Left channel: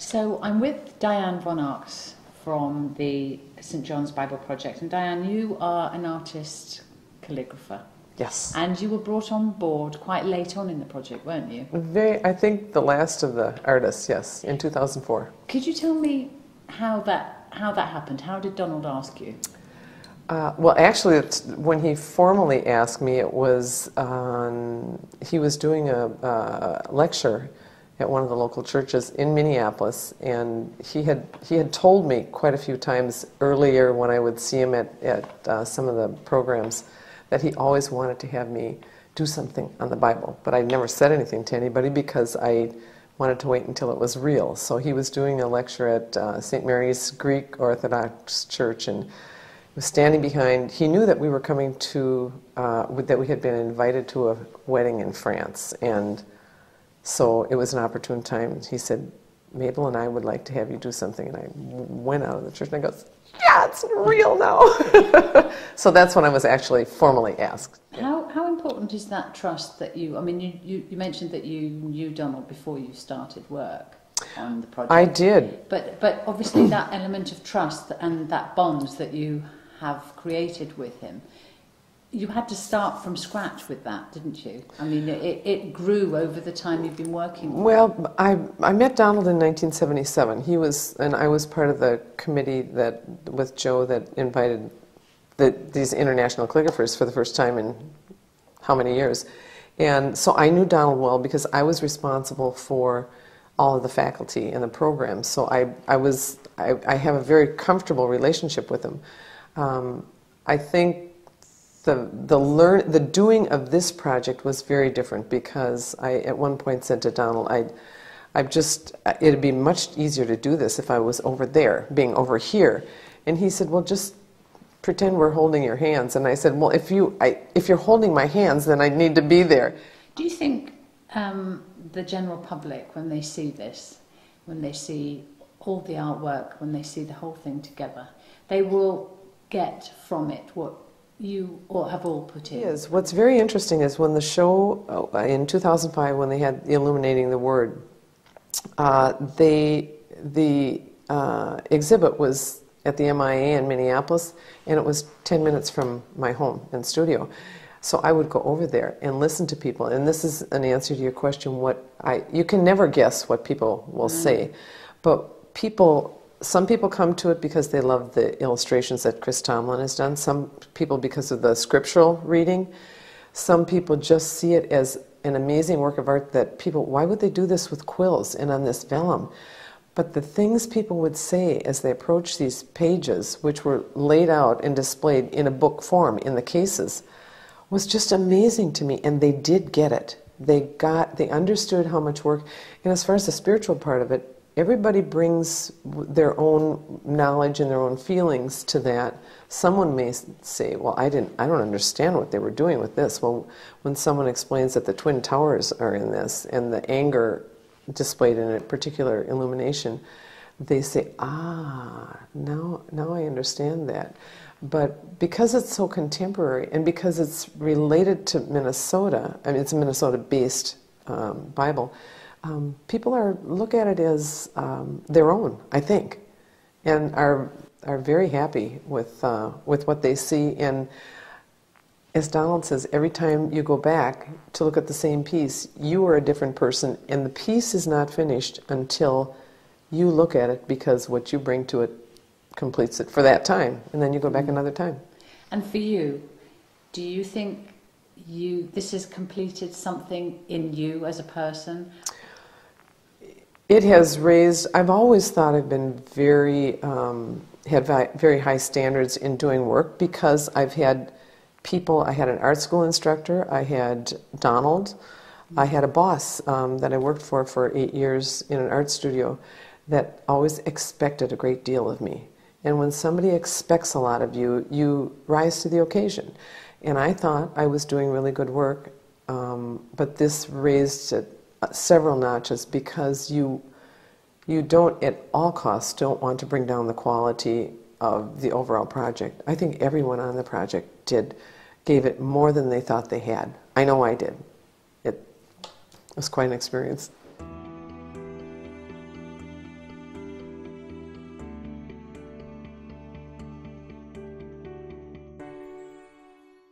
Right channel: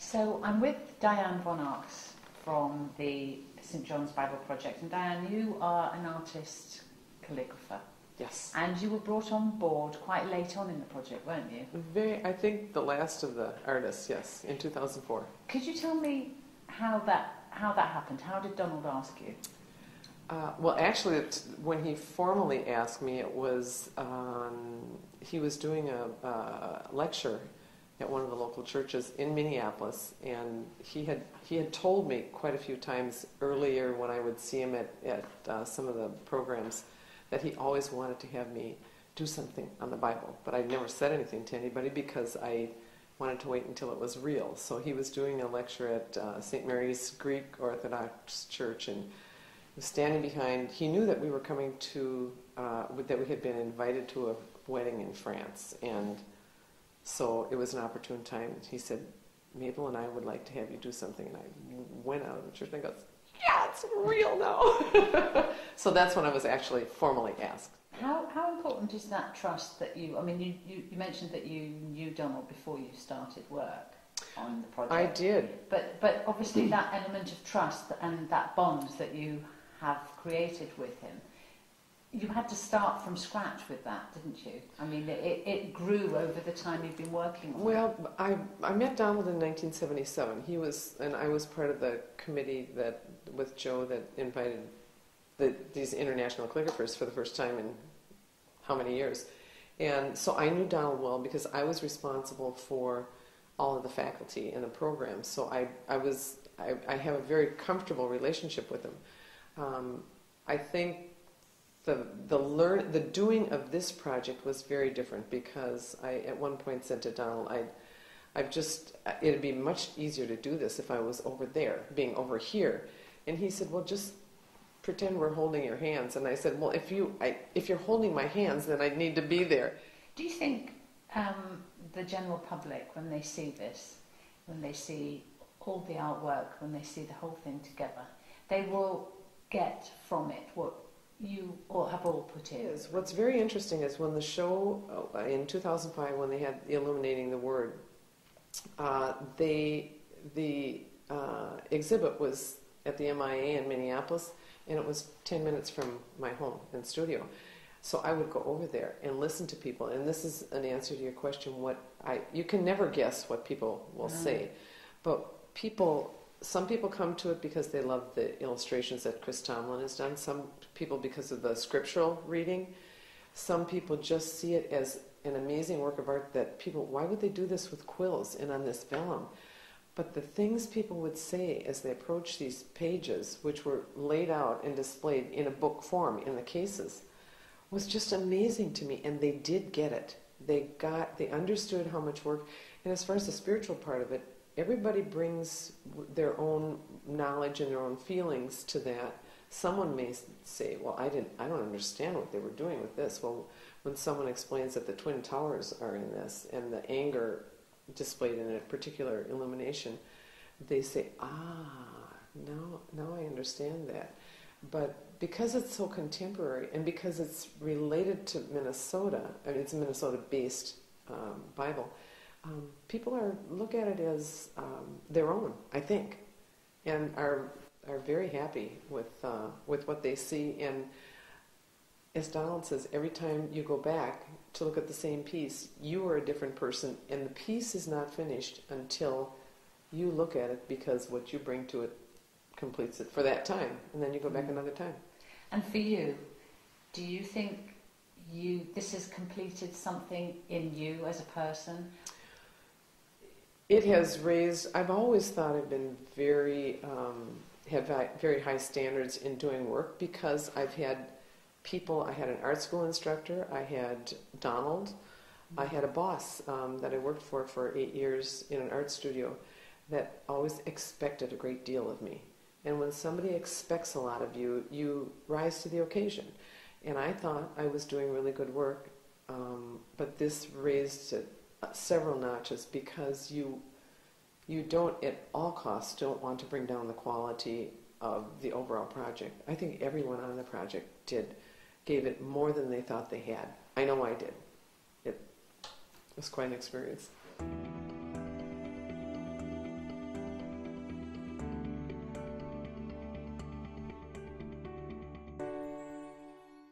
So I'm with Diane Von Arx from the St. John's Bible Project. And Diane, you are an artist calligrapher. Yes. And you were brought on board quite late on in the project, weren't you? I think the last of the artists, yes, in 2004. Could you tell me how that happened? How did Donald ask you? Well, actually, when he formally asked me, it was he was doing a lecture at one of the local churches in Minneapolis, and he had told me quite a few times earlier when I would see him at some of the programs that he always wanted to have me do something on the Bible, but I never said anything to anybody because I wanted to wait until it was real. So he was doing a lecture at St. Mary's Greek Orthodox Church, and was standing behind. He knew that we were coming to that we had been invited to a wedding in France, and so it was an opportune time. He said, "Mabel and I would like to have you do something." And I went out of the church and I go, "Yeah, it's real now." So that's when I was actually formally asked. How important is that trust that you? I mean, you mentioned that you knew Donald before you started work on the project. I did. But obviously that element of trust and that bond that you have created with him, you had to start from scratch with that, didn't you? I mean, it grew over the time you've been working with him. Well, I met Donald in 1977. He was, and I was part of the committee that, with Joe, that invited these international calligraphers for the first time in how many years. And so I knew Donald well because I was responsible for all of the faculty in the program. So I have a very comfortable relationship with him. I think the doing of this project was very different because I at one point said to Donald, it'd be much easier to do this if I was over there, being over here. And he said, "Well, just pretend we're holding your hands." And I said, "Well, if you're holding my hands, then I need to be there." Do you think the general public, when they see this, when they see all the artwork, when they see the whole thing together, they will get from it what you have all put in? Yes. What's very interesting is when the show in 2005, when they had Illuminating the Word, the exhibit was at the MIA in Minneapolis, and it was 10 minutes from my home and studio. So I would go over there and listen to people, and this is an answer to your question. You can never guess what people will say, but some people come to it because they love the illustrations that Chris Tomlin has done. Some people because of the scriptural reading. Some people just see it as an amazing work of art that why would they do this with quills and on this vellum? But the things people would say as they approached these pages, which were laid out and displayed in a book form in the cases, was just amazing to me. And they did get it. They understood how much work. And as far as the spiritual part of it, everybody brings their own knowledge and their own feelings to that. Someone may say, "Well, I don't understand what they were doing with this." Well, when someone explains that the Twin Towers are in this and the anger displayed in a particular illumination, they say, now I understand that. But because it's so contemporary and because it's related to Minnesota, I mean, it's a Minnesota-based Bible, people look at it as their own, I think, and are very happy with what they see. And as Donald says, every time you go back to look at the same piece, you are a different person, and the piece is not finished until you look at it, because what you bring to it completes it for that time, and then you go back another time. And for you, do you think this has completed something in you as a person? It has raised. I've always thought I've been had very high standards in doing work because I've had people. I had an art school instructor. I had Donald. I had a boss that I worked for 8 years in an art studio that always expected a great deal of me. And when somebody expects a lot of you, you rise to the occasion. And I thought I was doing really good work, but this raised it several notches because you don't at all costs don't want to bring down the quality of the overall project. I think everyone on the project gave it more than they thought they had. I know I did. It was quite an experience.